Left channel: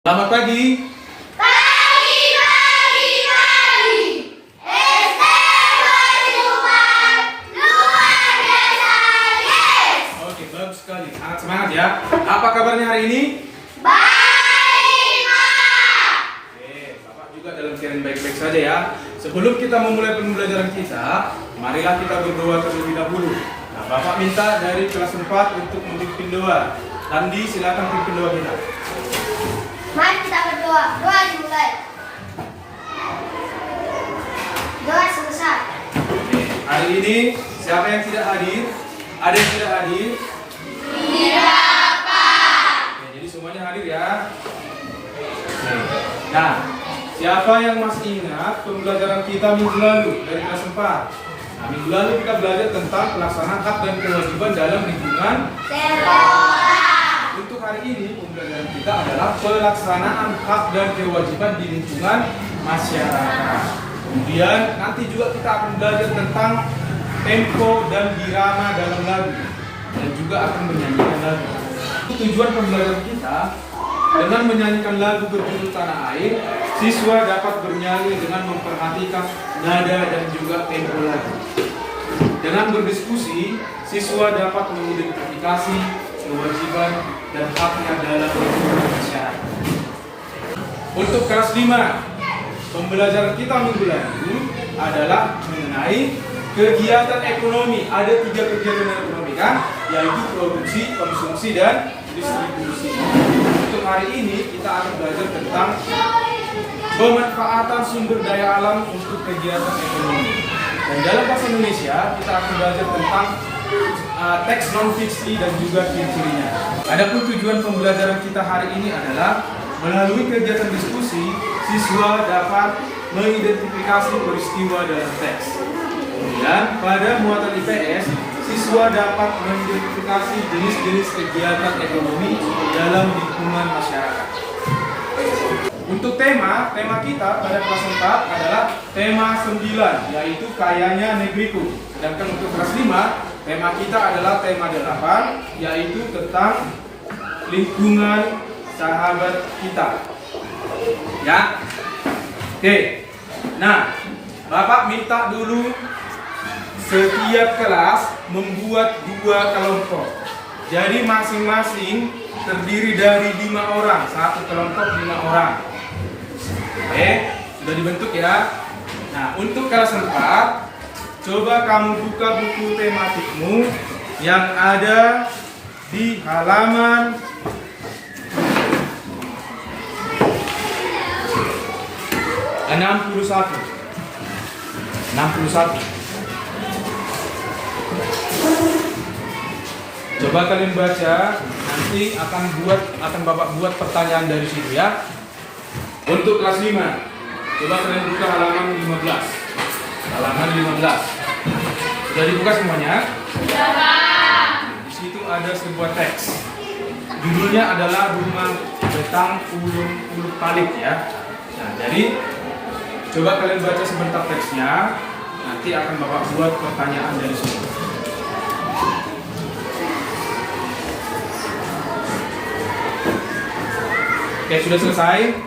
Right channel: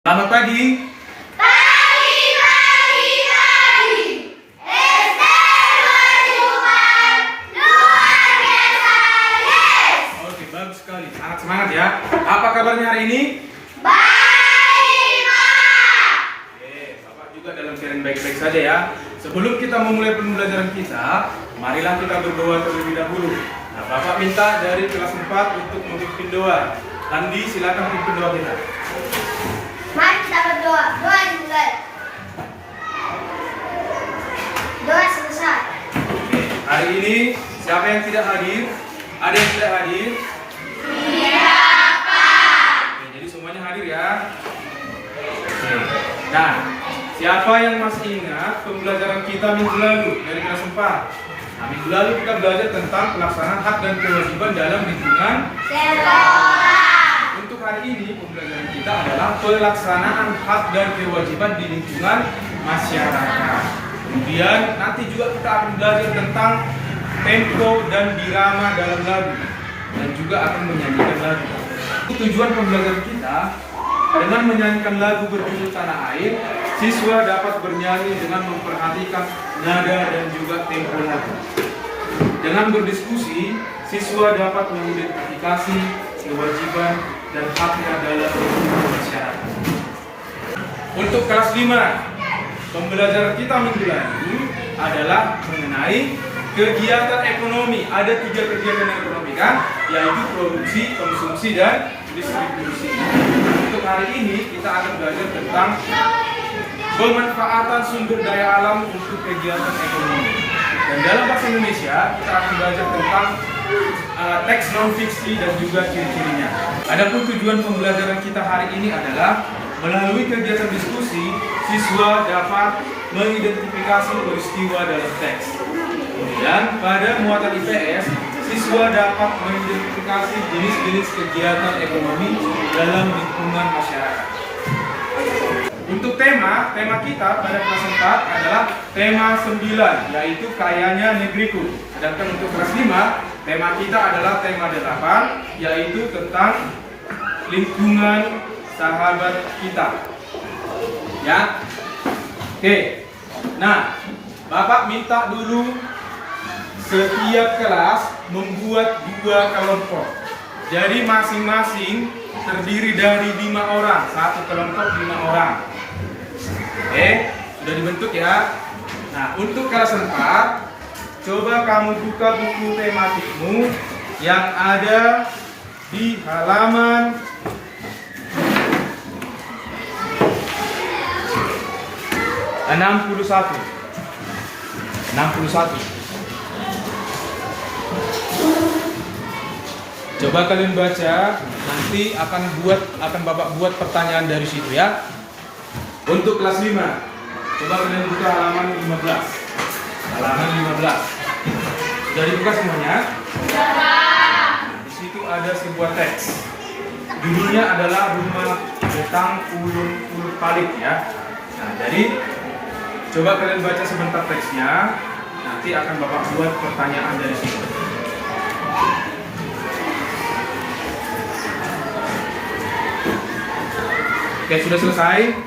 Selamat pagi. Pagi. SD berjuang luar biasa, yes. Oke, bagus sekali. Sangat semangat ya. Apa kabarnya hari ini? Baik, Pak. Bapak juga dalam keadaan baik-baik saja ya. Sebelum kita memulai pembelajaran kita, marilah kita berdoa terlebih dahulu. Nah, Bapak minta dari kelas 4 untuk memimpin doa. Andi, silakan pimpin doa kita. Mari kita berdoa. Doa dimulai. Doa selesai. Hari ini siapa yang tidak hadir? Ada yang tidak hadir? Tidak, Pak. Jadi semuanya hadir ya. Nah, siapa yang masih ingat pembelajaran kita minggu lalu dari kelas 4? Nah, minggu lalu kita belajar tentang pelaksanaan hak dan kewajiban dalam lingkungan. Untuk hari ini pembelajaran kita adalah pelaksanaan hak dan kewajiban di lingkungan masyarakat. Kemudian nanti juga kita akan belajar tentang tempo dan birama dalam lagu dan juga akan menyanyikan lagu. Tujuan pembelajaran kita dengan menyanyikan lagu berjudul Tanah Air, siswa dapat bernyanyi dengan memperhatikan nada dan juga tempo lagu. Dengan berdiskusi, siswa dapat mengidentifikasi kewajiban dan haknya dalam lingkungan masyarakat. Untuk kelas 5, pembelajaran kita minggu lalu adalah mengenai kegiatan ekonomi. Ada 3 kegiatan ekonomi kan, yaitu produksi, konsumsi, dan distribusi. Untuk hari ini kita akan belajar tentang pemanfaatan sumber daya alam untuk kegiatan ekonomi. Dan dalam bahasa Indonesia kita akan belajar tentang teks non-fiksi dan juga ciri-cirinya. Adapun tujuan pembelajaran kita hari ini adalah melalui kegiatan diskusi, siswa dapat mengidentifikasi peristiwa dalam teks. Kemudian pada muatan IPS, siswa dapat mengidentifikasi jenis-jenis kegiatan ekonomi dalam lingkungan masyarakat. Untuk tema kita pada kelas 4 adalah tema 9, yaitu kayanya negeriku. Sedangkan untuk kelas 5, tema kita adalah tema 8, yaitu tentang lingkungan sahabat kita. Ya. Oke. Nah, Bapak minta dulu setiap kelas membuat 2 kelompok. Jadi masing-masing terdiri dari 5 orang, satu kelompok 5 orang. Sudah dibentuk ya. Nah, untuk kelas 4, coba kamu buka buku tematikmu yang ada di halaman 61. Coba kalian baca, nanti akan Bapak buat pertanyaan dari situ ya. Untuk kelas 5, coba kalian buka halaman 15. Sudah dibuka semuanya? Sudah, Pak. Di situ ada sebuah teks. Judulnya adalah Rumah Betang Ulun Palik ya. Nah, jadi coba kalian baca sebentar teksnya. Nanti akan Bapak buat pertanyaan dari situ. Oke, sudah selesai?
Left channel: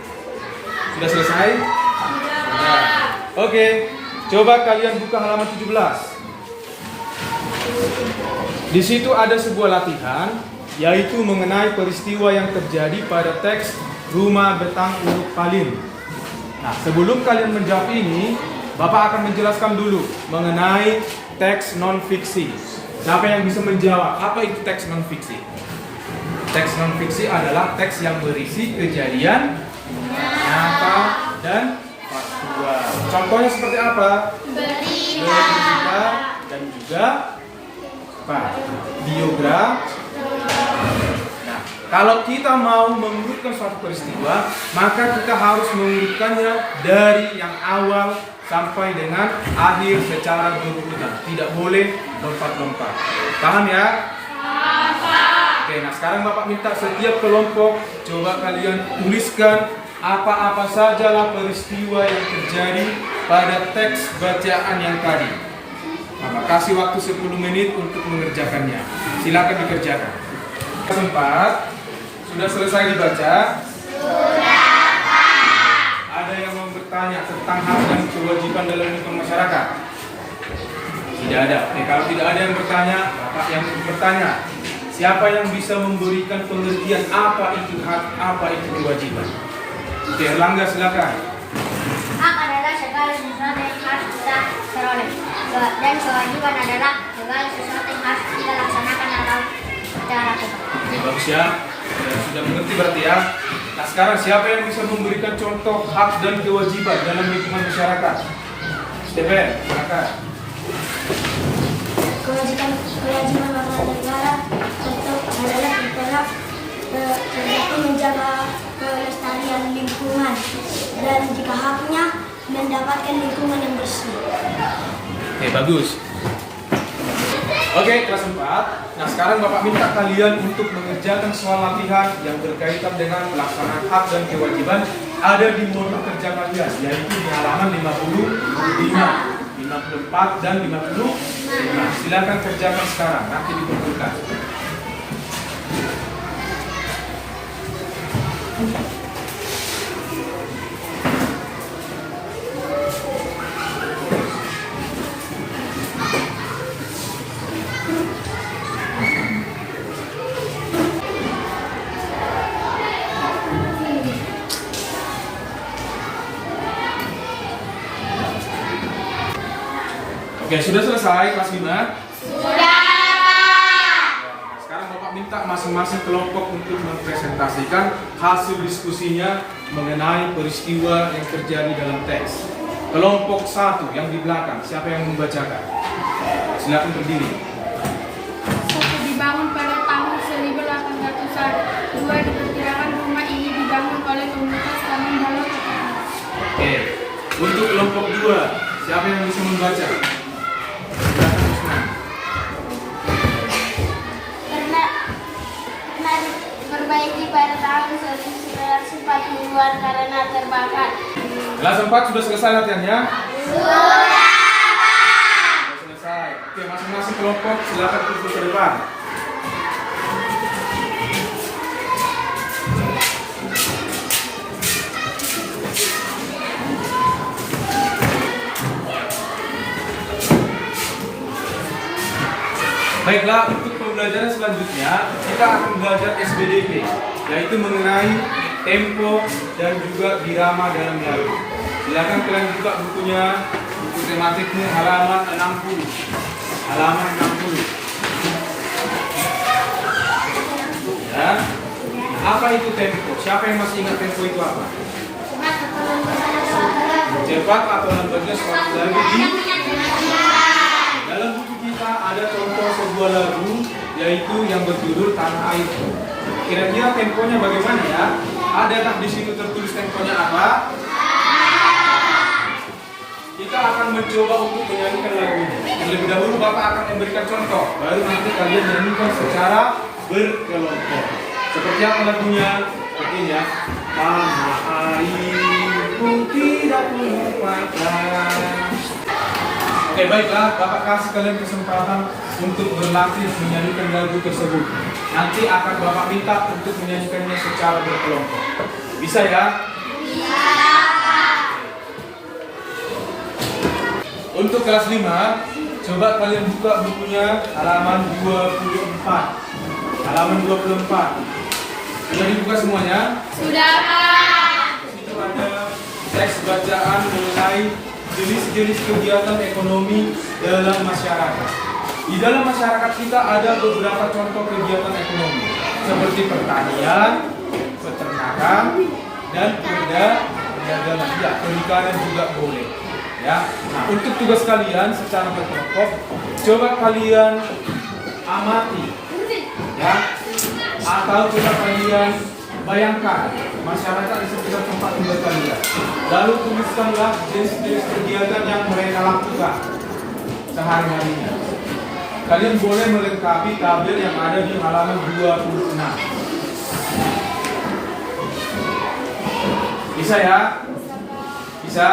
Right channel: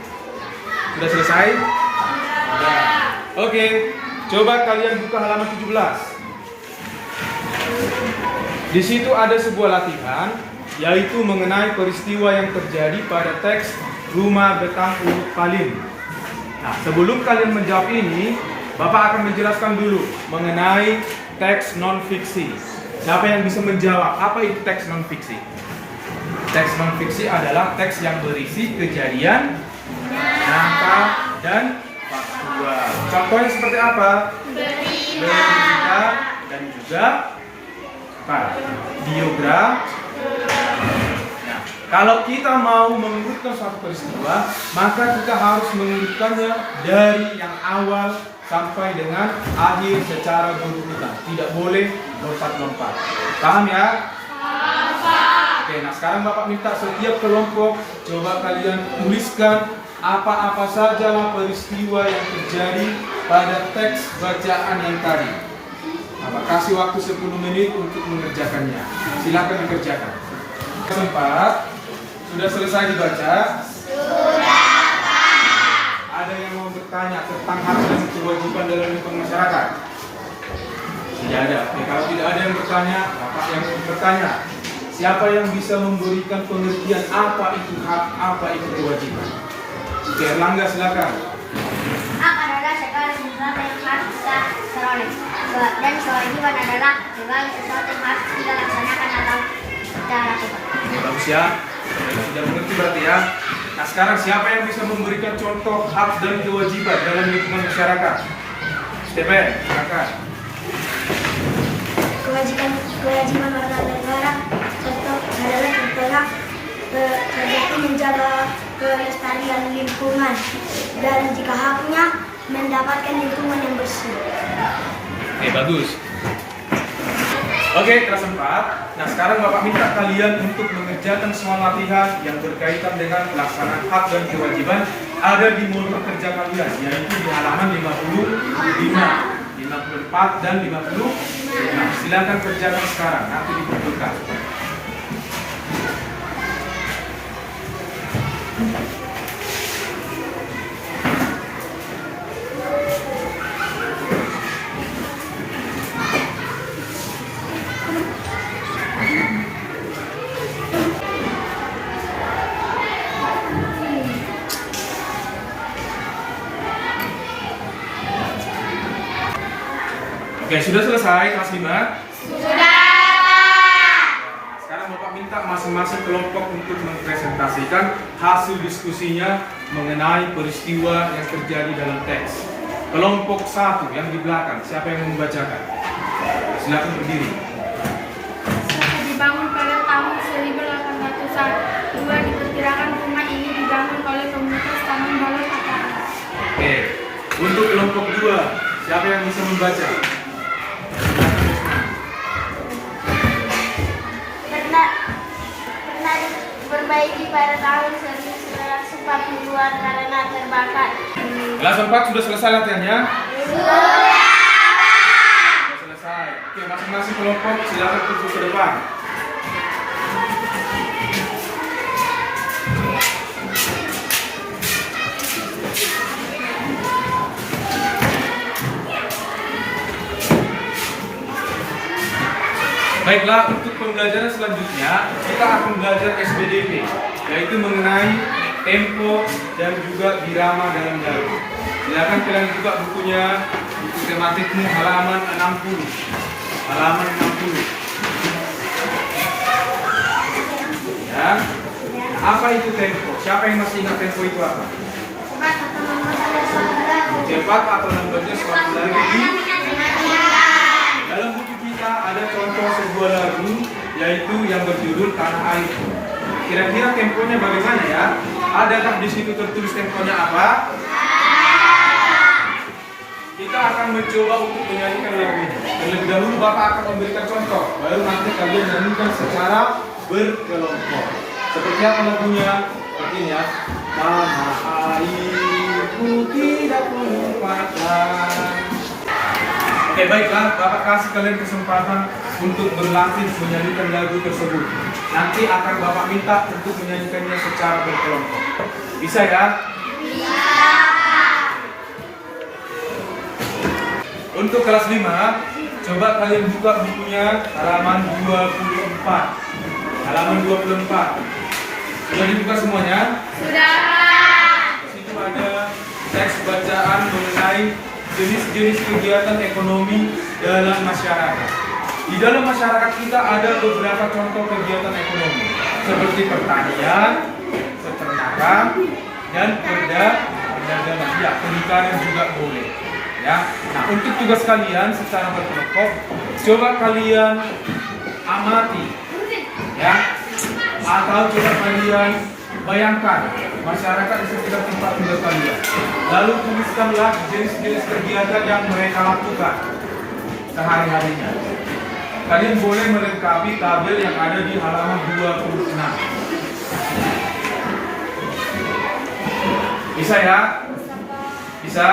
Oke, coba kalian buka halaman 17. Di situ ada sebuah latihan, yaitu mengenai peristiwa yang terjadi pada teks Rumah Betang Ulun Palik. Nah, sebelum kalian menjawab ini, Bapak akan menjelaskan dulu mengenai teks non-fiksi. Siapa yang bisa menjawab apa itu teks non-fiksi? Teks non-fiksi adalah teks yang berisi kejadian nyata dan faktual. Contohnya seperti apa? Berita dan juga biografi. Nah, kalau kita mau mengurutkan suatu peristiwa, maka kita harus mengurutkannya dari yang awal sampai dengan akhir secara berurutan. Tidak boleh lompat-lompat. Paham ya? Oke, nah sekarang Bapak minta setiap kelompok coba kalian tuliskan apa-apa sajalah peristiwa yang terjadi pada teks bacaan yang tadi. Bapak kasih waktu 10 menit untuk mengerjakannya. Silakan dikerjakan. Kesempat, sudah selesai dibaca? Sudah. bertanya tentang hak dan kewajiban dalam lingkungan masyarakat? Tidak ada. Kalau tidak ada yang bertanya, Bapak yang bertanya. Siapa yang bisa memberikan pengertian apa itu hak, apa itu kewajiban? Erlangga, silakan. Hak adalah segala sesuatu yang harus kita peroleh, dan kewajiban adalah segala sesuatu yang harus kita laksanakan atau kita lakukan. Bagus ya. Sudah mengerti berarti ya. Nah sekarang siapa yang bisa memberikan contoh hak dan kewajiban dalam lingkungan masyarakat? Steven, silakan. Kewajiban warga negara contohnya seperti menjaga kelestarian lingkungan, dan jika haknya mendapatkan lingkungan yang bersih. Oke, bagus. Oke, kelas 4. Nah sekarang Bapak minta kalian untuk mengerjakan soal latihan yang berkaitan dengan pelaksanaan hak dan kewajiban ada di modul kerja kalian, yaitu di halaman 55, 54 dan 55. Silakan kerjakan sekarang, nanti dikumpulkan. Oke, sudah selesai kelas 5? Sudah. Sekarang Bapak minta masing-masing kelompok untuk mempresentasikan hasil diskusinya mengenai peristiwa yang terjadi dalam teks. Kelompok 1 yang di belakang, siapa yang membacakan? Silakan berdiri. Satu, dibangun pada tahun 1800-an. 2, diperkirakan rumah ini dibangun oleh komunitas Taman Bawah Kapal. Oke, untuk kelompok 2, siapa yang bisa membaca? Pernah diperbaiki pada tahun 1940-an karena terbakar. Kelas 4 sudah selesai latihannya? Sudah selesai. Oke, masing-masing kelompok silakan duduk ke depan. Baiklah, untuk pembelajaran selanjutnya kita akan belajar SBDP, yaitu mengenai tempo dan juga birama dalam lagu. Silakan kalian buka bukunya, buku tematikmu halaman 60. Halaman 60. Ya. Apa itu tempo? Siapa yang masih ingat tempo itu apa? Cepat atau lambatnya suatu lagu di dalam buku kita ada contoh sebuah lagu, yaitu yang berjudul Tanah Air. Kira-kira temponya bagaimana ya? Adakah di situ tertulis temponya apa? Kita akan mencoba untuk menyanyikan lagu ini. Terlebih dahulu Bapak akan memberikan contoh, baru nanti kalian nyanyikan secara berkelompok. Seperti apa lagunya? Seperti ini ya. Tanah airku tidak lupakan. Oke, baiklah, Bapak kasih kalian kesempatan untuk berlatih menyanyikan lagu tersebut. Nanti akan Bapak minta untuk menyanyikannya secara berkelompok. Bisa ya? Bisa. Untuk kelas 5, coba kalian buka bukunya halaman 24. Halaman 24. Sudah dibuka semuanya? Sudah. Di situ ada teks bacaan mengenai jenis-jenis kegiatan ekonomi dalam masyarakat. Di dalam masyarakat kita ada beberapa contoh kegiatan ekonomi seperti pertanian, peternakan, dan perdagangan. Ya, perikanan juga boleh. Ya. Nah, untuk tugas kalian secara berkelompok, coba kalian amati, ya, atau coba kalian bayangkan masyarakat di sekitar tempat tinggal kalian. Lalu tuliskanlah jenis-jenis kegiatan yang mereka lakukan sehari-harinya. Kalian boleh melengkapi tabel yang ada di halaman 26. Bisa ya? Bisa?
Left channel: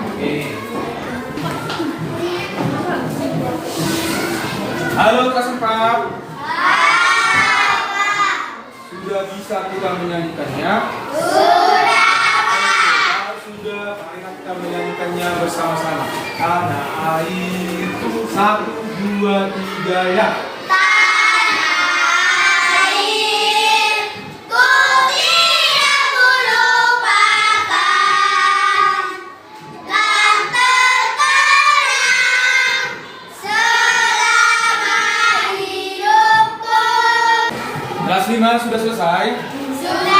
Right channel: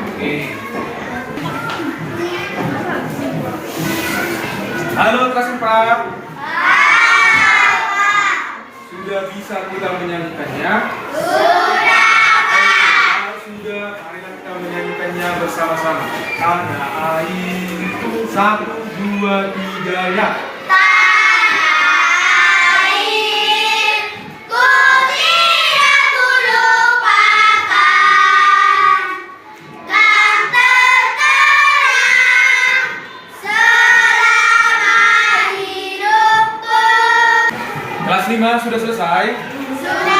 Oke. Halo kelas 4. Sudah bisa kita menyanyikannya? Sudah. sudah, marilah kita menyanyikannya bersama-sama. Ada air, 1, 2, 3, ya. Kelas 5 sudah selesai? Sudah.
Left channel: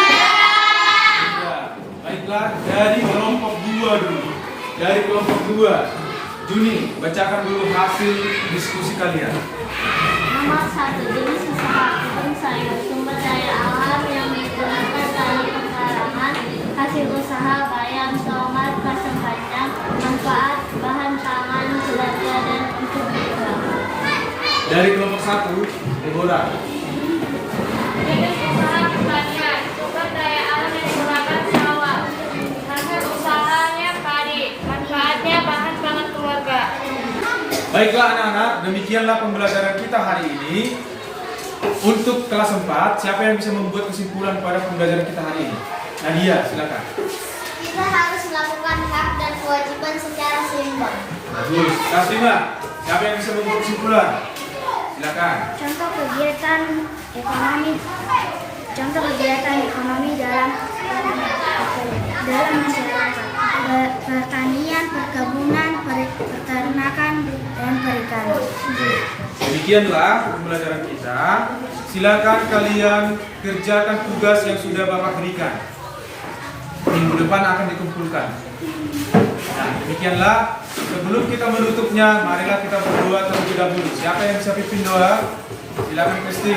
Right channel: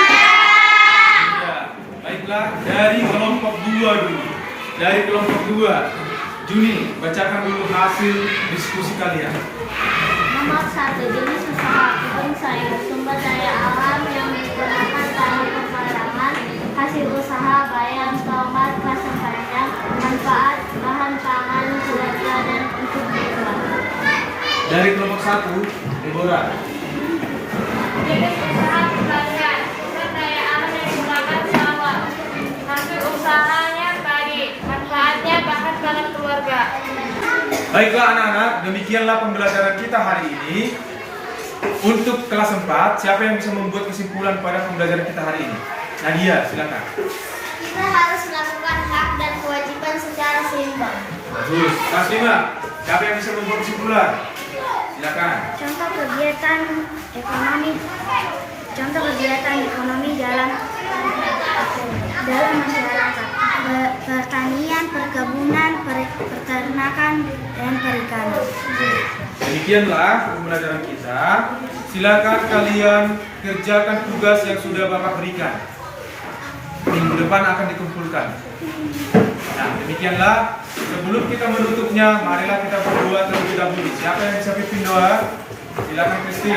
Baiklah, dari kelompok 2 dulu. Dari kelompok 2, Juni, bacakan dulu hasil diskusi kalian. Nomor 1, jenis usaha kebun sayur, sumber daya alam yang digunakan dalam pengolahan, hasil usaha, bayam, tomat, kacang panjang, manfaat, bahan pangan, jelajah, dan untuk dijual. Dari kelompok 1, Deborah. Jenis usaha pertanian, sumber daya alam yang digunakan sawah, hasil usahanya padi, manfaatnya bahan pangan keluarga. Baiklah anak-anak, demikianlah pembelajaran kita hari ini. Untuk kelas 4, siapa yang bisa membuat kesimpulan pada pembelajaran kita hari ini? Nadia, silakan. Kita harus melakukan hak dan kewajiban secara seimbang. Bagus. Kelas 5, siapa yang bisa membuat kesimpulan? Silakan. Contoh kegiatan ekonomi dalam masyarakat, pertanian, perkebunan, peternakan, dan perikanan. Oke. Demikianlah pembelajaran kita. Silakan kalian kerjakan tugas yang sudah Bapak berikan. Minggu depan akan dikumpulkan. Nah, demikianlah. Sebelum kita menutupnya, marilah kita berdoa terlebih dahulu. Siapa yang bisa pimpin doa? Silakan Kristi.